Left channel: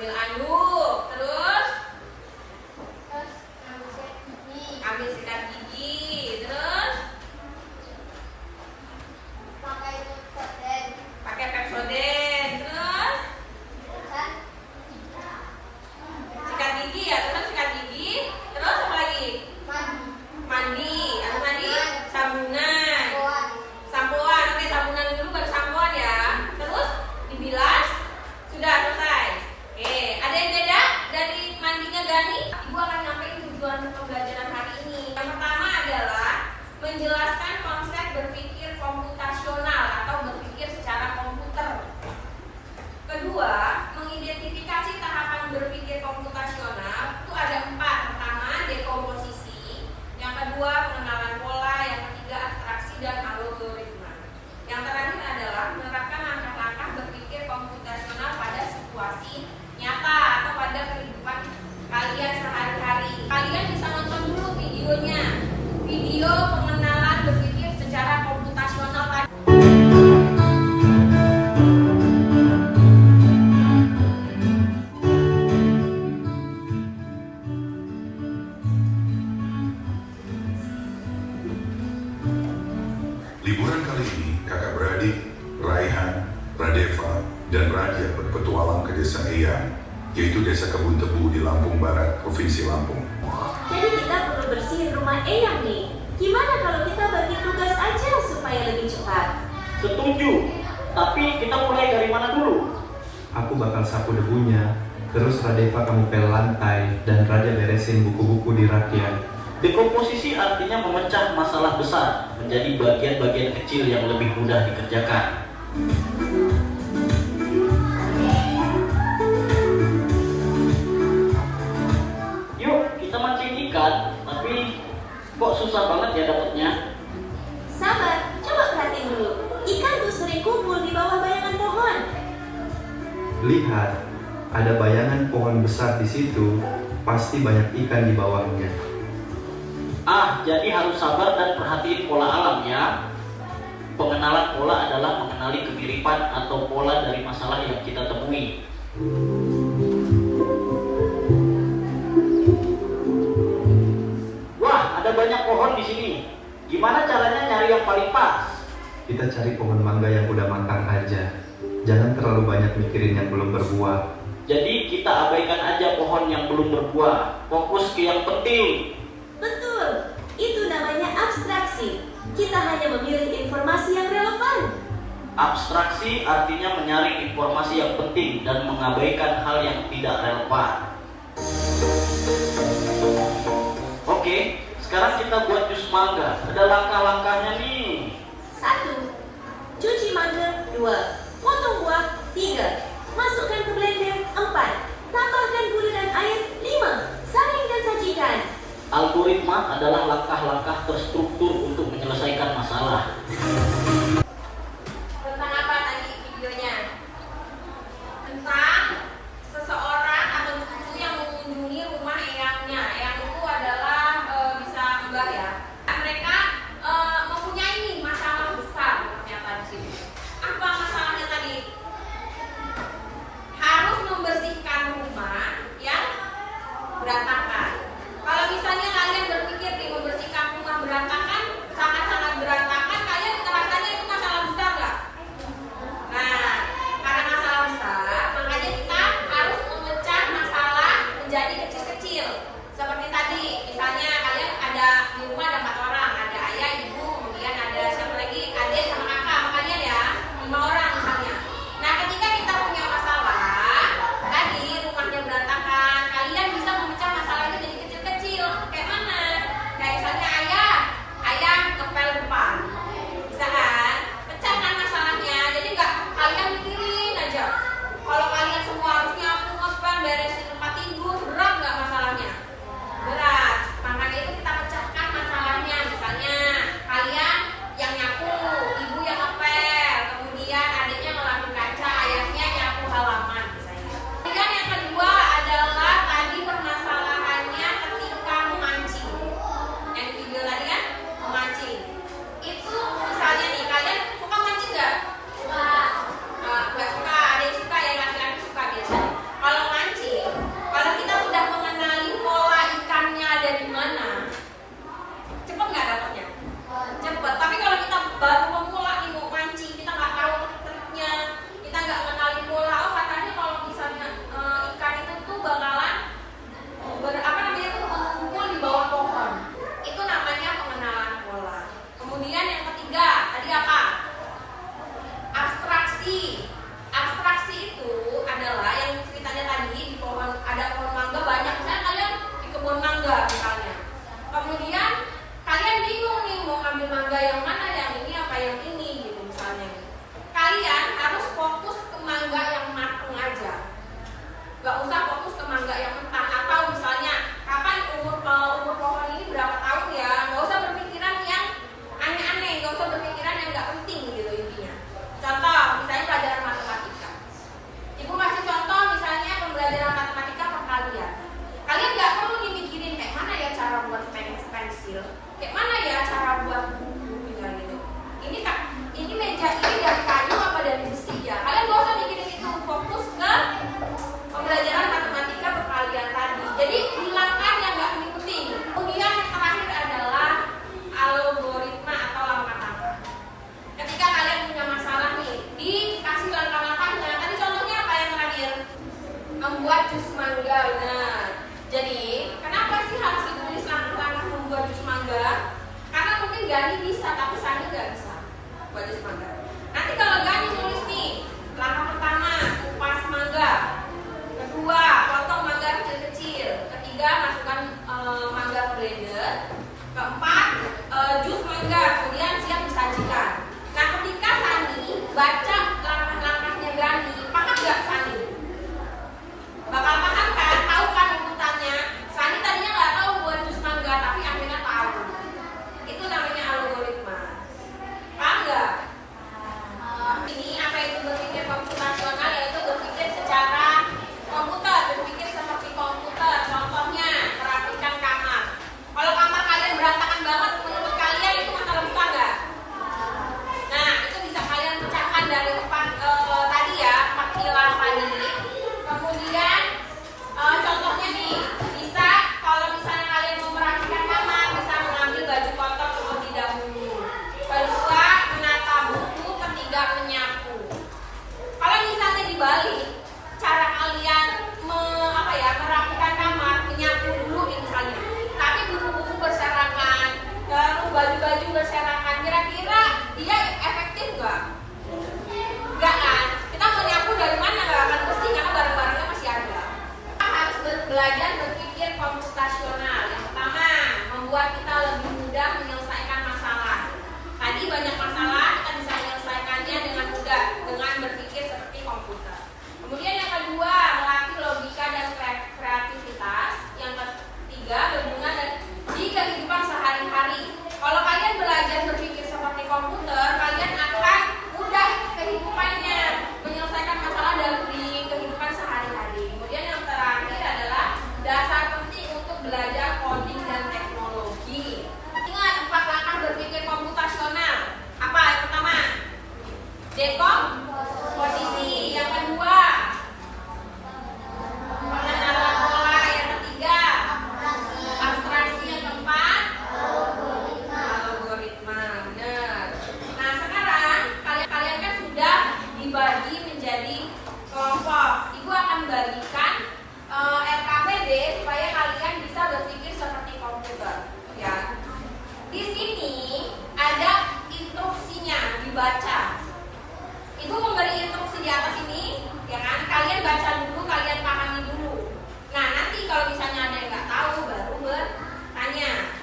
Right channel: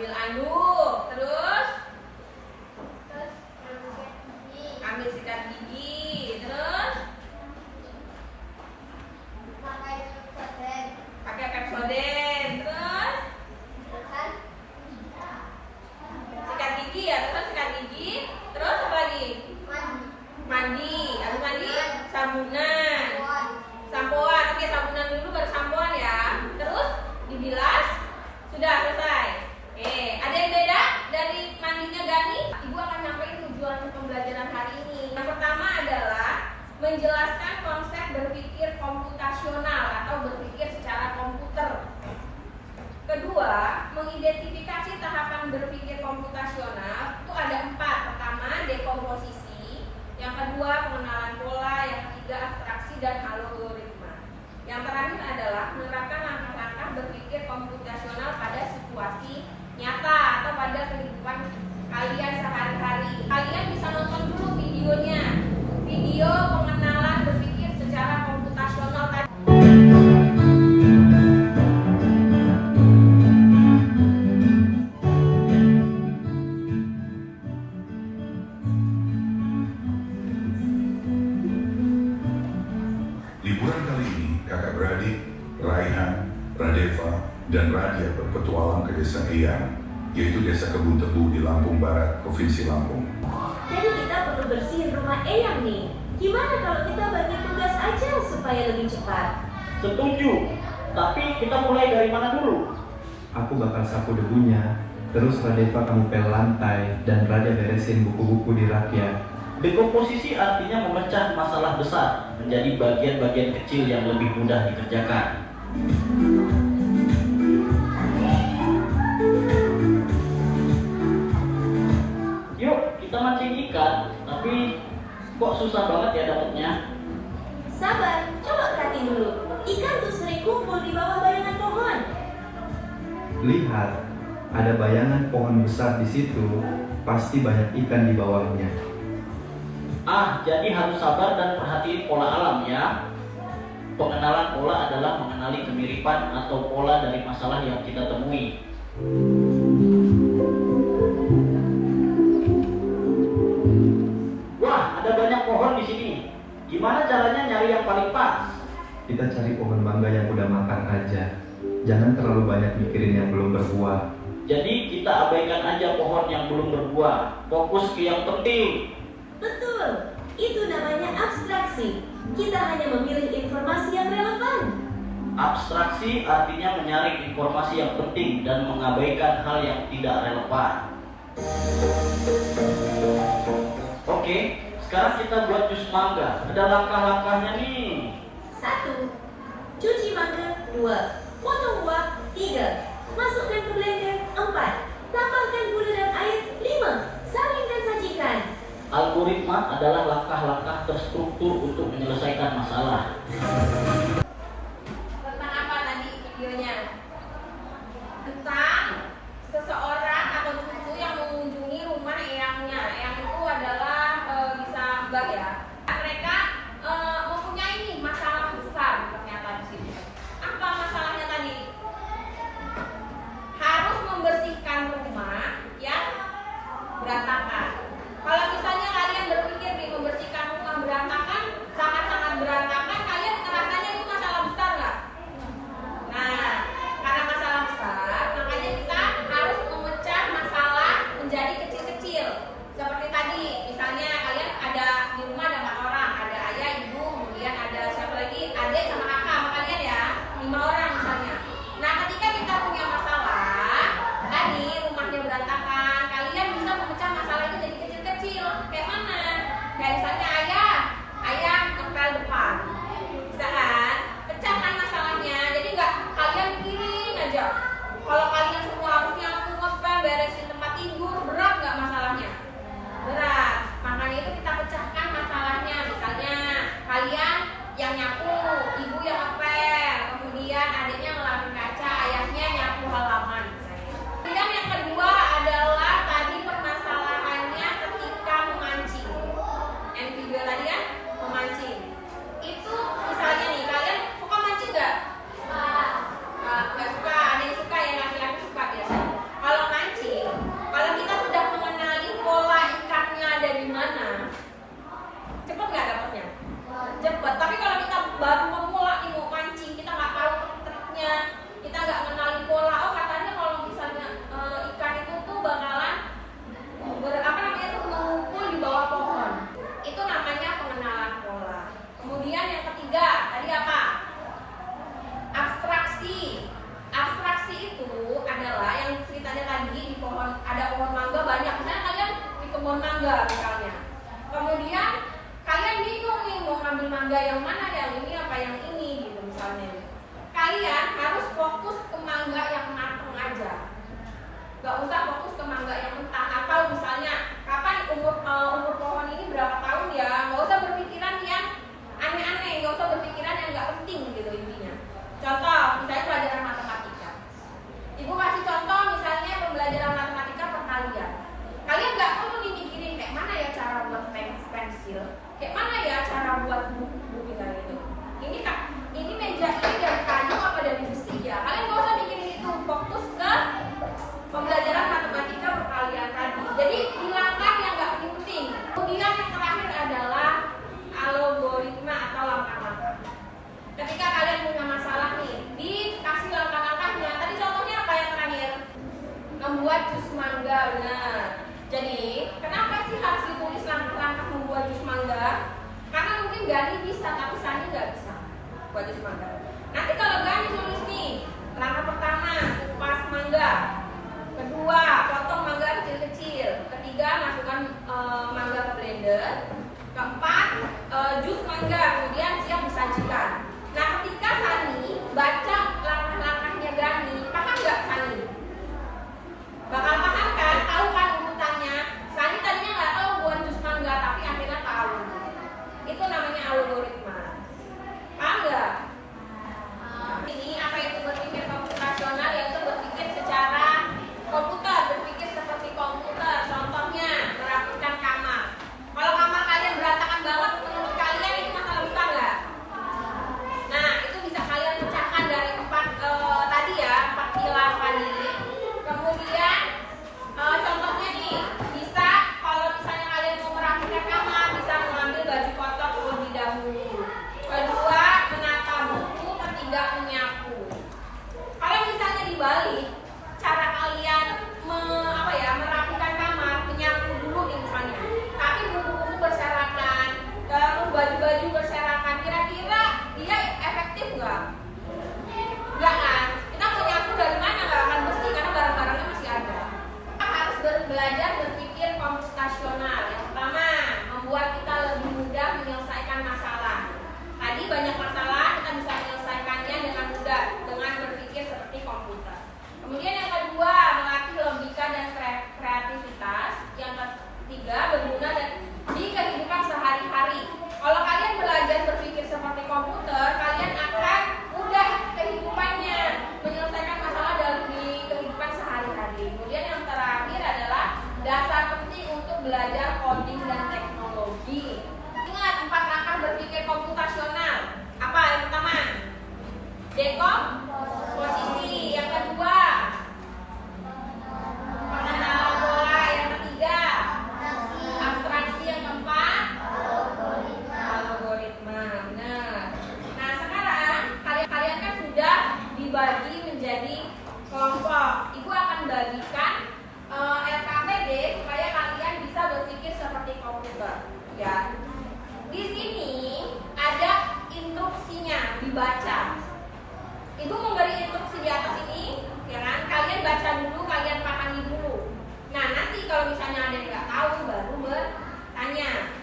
Ambil anduk, terus ambil sikat gigi, terus pakai Pepsodent, terus sikat gigi ya, terus sikat gigi, terus apa lagi? Mandi, habis mandi sabunan, sampoan. Oke, sabunan dulu baru sampoan ya. Terus dibilas, sudah selesai. Oke, ada yang beda dari mandinya Gani? Ibu akan sampaikan tujuan pembelajaran hari ini. Yang pertama adalah menjelaskan konsep berpikir komputasional atau berpikir secara komputer. Kedua, mengidentifikasi tahapan berpikir komputasional. Itu ada 4. Pertama, dekomposisi. Yang kedua, pengenalan pola. Yang ketiga, abstraksi dan algoritma. Yang terakhir adalah menerapkan langkah-langkah berpikir komputasional pada situasi nyata atau pada kehidupan kalian sehari-hari. Kalian bisa nonton dulu videonya, video pengenalan berpikir secara komputasional. Liburan kali ini, kakak beradik Raihan, Radeva, dan Radia berpetualang ke desa Eyang, yaitu desa Kebun Tebu di Lampung Barat, Provinsi Lampung. Jadi kita perlu bersihin rumah Eyang nih. Gimana kalau kita bagi tugas aja supaya lebih cepat? Setuju, tapi kita mulai dari mana dulu? Aku bakal sapu debunya, terus Radeva kamu pel lantai, dan Radia beresin buku-buku di rakyat. Dekomposisi artinya memecah masalah besar menjadi bagian-bagian kecil yang lebih mudah dikerjakan. Yuk, kita mancing ikan, tapi kok susah banget ya dapetnya? Sabar, coba perhatiin dulu. Ikan tuh sering kumpul di bawah bayangan pohon. Lihat, ada bayangan pohon besar di situ, pasti banyak ikan di bawahnya. Jadi harus sabar dan perhatiin pola alam ya. Pengenalan pola adalah mengenali kemiripan atau pola dari masalah yang kita temui. Wah, ada banyak pohon di sini. Gimana caranya nyari yang paling pas? Kita cari pohon mangga yang udah matang aja. Jangan terlalu banyak mikirin yang belum berbuah. Jadi kita abaikan aja pohon yang belum berbuah. Fokus ke yang penting. Betul, itu namanya abstraksi. Kita hanya memilih informasi yang relevan. Abstraksi artinya menyaring informasi yang penting dan mengabaikan hal yang tidak relevan. Oke, sekarang kita buat jus mangga. Ada langkah-langkahnya nih. 1. Cuci mangga. 2. Potong buah. 3. Masukkan ke blender. 4. Tambahkan gula dan air. 5. Saring dan sajikan. Algoritma adalah langkah-langkah terstruktur untuk menyelesaikan masalah. Tentang apa tadi videonya? Tentang seseorang atau guru yang mengunjungi rumah eyangnya. Eyang itu adalah bisa mbah ya. Mereka mempunyai nih masalah besar ternyata di sini. Apa masalahnya tadi? Harus membersihkan rumah yang berantakan. Kalau misalnya kalian berpikir nih membersihkan rumah berantakan, sangat-sangat berantakan, kalian ngerasanya itu masalah besar nggak? Nah, karena masalah besar, makanya kita harus memecah masalah menjadi kecil-kecil. Seperti tadi, misalnya kalian ada di rumah ada 4 orang, ada ayah, ibu, kemudian ada siapa lagi, adik sama kakak sama kalian ya, 5 orang misalnya. Nah, ketika kita punya masalah, tadi rumahnya berantakan, kalian bisa memecah masalah itu ada pohon mangga banyak, misalnya kalian di kebun mangga misalnya, kemudian kalian bingung nih mau ambil mangga yang mana, yang ini apa yang ini gitu misalnya. Kalian harus fokus ke mangga yang matang aja, nggak usah fokus ke mangga yang mentah. Atau misalnya kapan umur pohon ini berapa tahun ya, nggak usah berpikiran yang aneh-aneh, nggak usah berpikiran yang nggak penting gitu intinya. Contoh misalnya pelajaran matematika, ibu kasih contoh misalnya pembelajaran matematika perkalian. Kalian nggak perlu dipikirin kayak mana ya cara buat pensil, kayak mana ya cara buat buku gitu. Ini meja ini dari kayu apa dari besi ya. Kalian nggak usah pikirin itu, fokus ke pembelajaran matematika perkalian tadi. Jadi hilangkan yang nggak penting. Kemudian yang terakhir adalah algoritma atau langkah-langkah. Ketika kalian punya masalah nih, dikasih langkah-langkahnya. Tadi contohnya apa yang terakhir? Membuat jus mangga. Benar. Jadi kenapa sih harus ditulis langkah-langkah membuat jus mangga? Karena mungkin Gani bisa, tapi Sani nggak bisa buat jus mangga. Nanti kalau Gani tulis nih, langkah pertama kupas mangga, kedua potong mangga kecil-kecil, ketiga masukkan mangga ke blender, keempat jus mangga, kemudian siap disajikan. Nah ketika Sani baca langkah-langkahnya Gani, paham nggak Sani? Bakal paham kan? Tahu kan urutannya? Sani tadinya nggak tahu buat jus mangga, tapi akhirnya tahu. Itu namanya algoritma. Paham nggak? Ini apa itu berpikir komputasional, yaitu berpikir secara komputer, berpikir seperti komputer. Contohnya merapikan kamar. Kalau kamar kalian berantakan banget, menurut kalian itu masalah besar nggak? Nah itu bisa kalian pecahkan dari empat tadi ya, 4 pilar tadi. Kemudian contohnya nih, bisa kalau misalnya kalian mau merapikan kamar, bisa mengambil baju kotor terlebih dahulu. Kedua, menata buku. Ketiga, menyapu. Kalau misalnya dibalik, cara kalian merapikan kamar, menyapu dulu misalnya. Tapi buku-buku berserakan, terus baju-baju berserakan, kira-kira dia efektif nggak? Nggak kan? Kita mau nyapu dari mana nggak akan bersih karena barang-barangnya masih ada. Kita harus belajar berpikir komputasional. Yang pertama, membuat kita lebih mudah menyelesaikan masalah. Tadi banyak masalah kita bisa menyelesaikannya dengan mudah dengan berpikir seperti komputer. Kemudian yang kedua, melatih logika dan kreativitas. Yang ketiga, berguna di kehidupan sehari-hari. Kalau kalian belajar berpikir seperti komputer, kalian akan mudah kehidupannya, menyelesaikan masalah di kehidupan sehari-hari. Kemudian yang terakhir adalah dasar penting untuk belajar coding dan teknologi. Ingat 4 langkah berpikir komputasional. Apa yang pertama? Dekomposisi. Yang kedua, pengenalan pola. Yang ketiga, abstraksi. Yang keempat, algoritma. Benar. Nah sekarang kalian kan sudah dibagi menjadi kelompok. Ibu akan bagikan LKPD supaya kalian bisa berpikir seperti komputer. Ya. Di sini ada instruksinya, dibaca. Ibu memberi instruksi di atas ini, ya kan? Kalian baca dulu, kalian pahami dulu. Nah, nanti kalau misalnya ada yang nggak tahu, baru bertanya.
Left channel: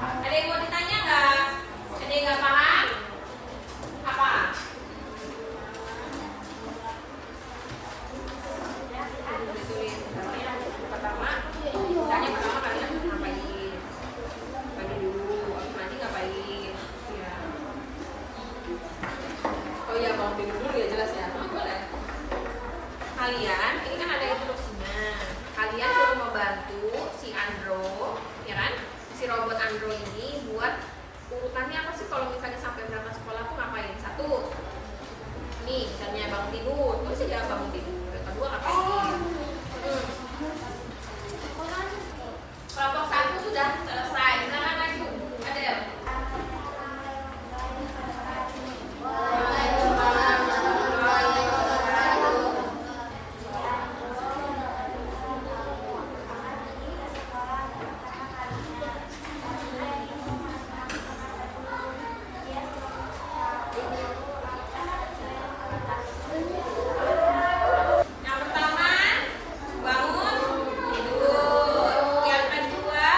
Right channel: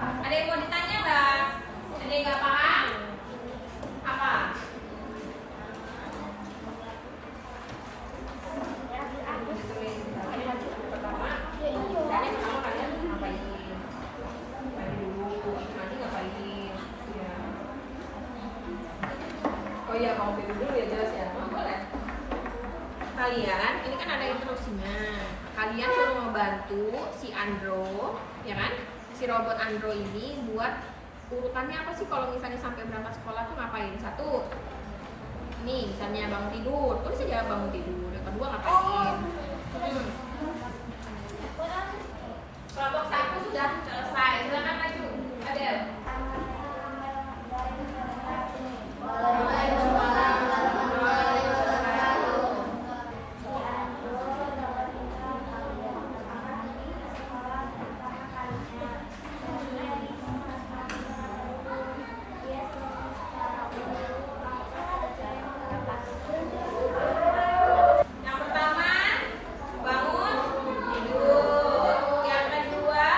Ada yang mau ditanya nggak? Ada yang nggak paham? Apa? Pertama kalian ngapain? Mandi dulu, nanti ngapain? Ya. Oh iya, mau tidur dulu ya jelas ya. Boleh. Kalian, ini kan ada instruksinya. Kalian suruh membantu si Andro, ya kan? Si robot Andro ini buat urutannya apa sih kalau misalnya sampai berangkat sekolah tuh ngapain? Satu, nih misalnya bangun tidur, terus ya bangun tidur. Yang kedua ngapain? Kelompok 1 sudah selesai. Silakan maju. Adel. Yang pertama, bangun tidur. Yang kedua,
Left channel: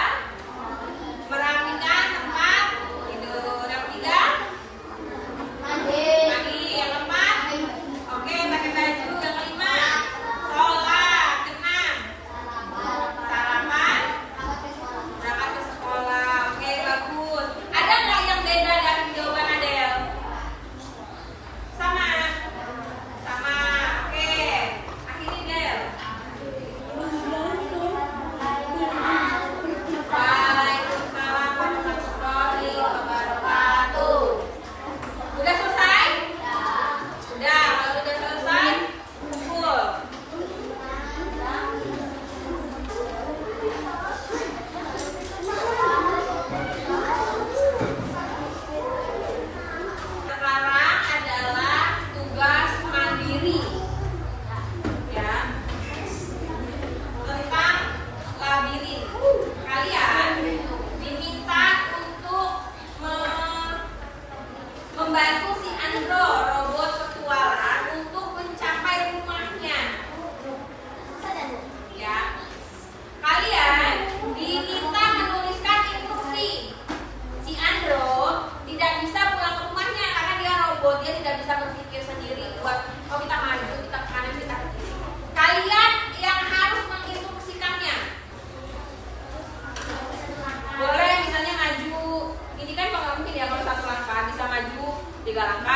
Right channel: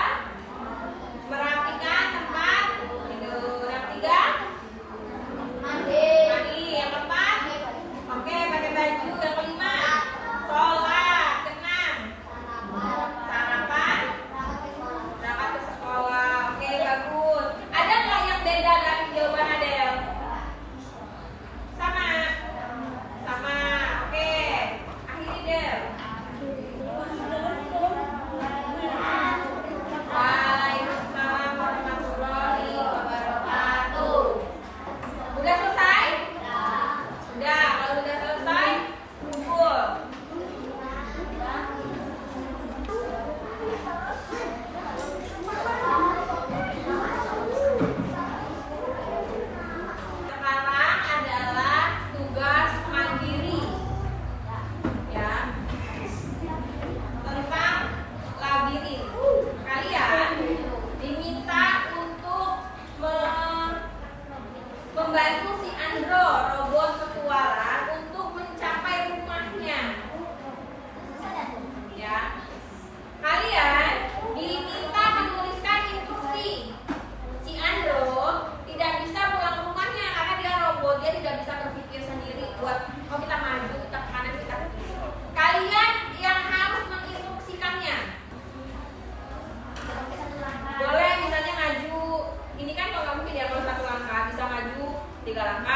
merapikan tempat tidur. Yang ketiga, mandi. Yang keempat, oke, pakai baju. Yang kelima, sholat. Keenam, sarapan, berangkat ke sekolah. Oke, bagus. Ada nggak yang beda dari jawaban Adel? Sama. Oke. Akhiri Del. Waalaikumsalam warahmatullahi wabarakatuh. Udah selesai? Udah. Kalau udah selesai, kumpul. Sekarang adalah tugas mandiri, ya, tentang labirin. Kalian diminta untuk membantu si Andro, robot petualang, untuk mencapai rumahnya. Ya, kalian diminta menuliskan instruksi. Si Andro tidak bisa pulang ke rumahnya karena dia robot, dia tidak bisa berpikir sendiri buat oh kita maju, kita ke kanan, kita ke kiri. Kalian yang harus menginstruksikannya. Boleh misalnya maju, ini kan nggak mungkin ya kalau 1 langkah, bisa maju 3 langkah.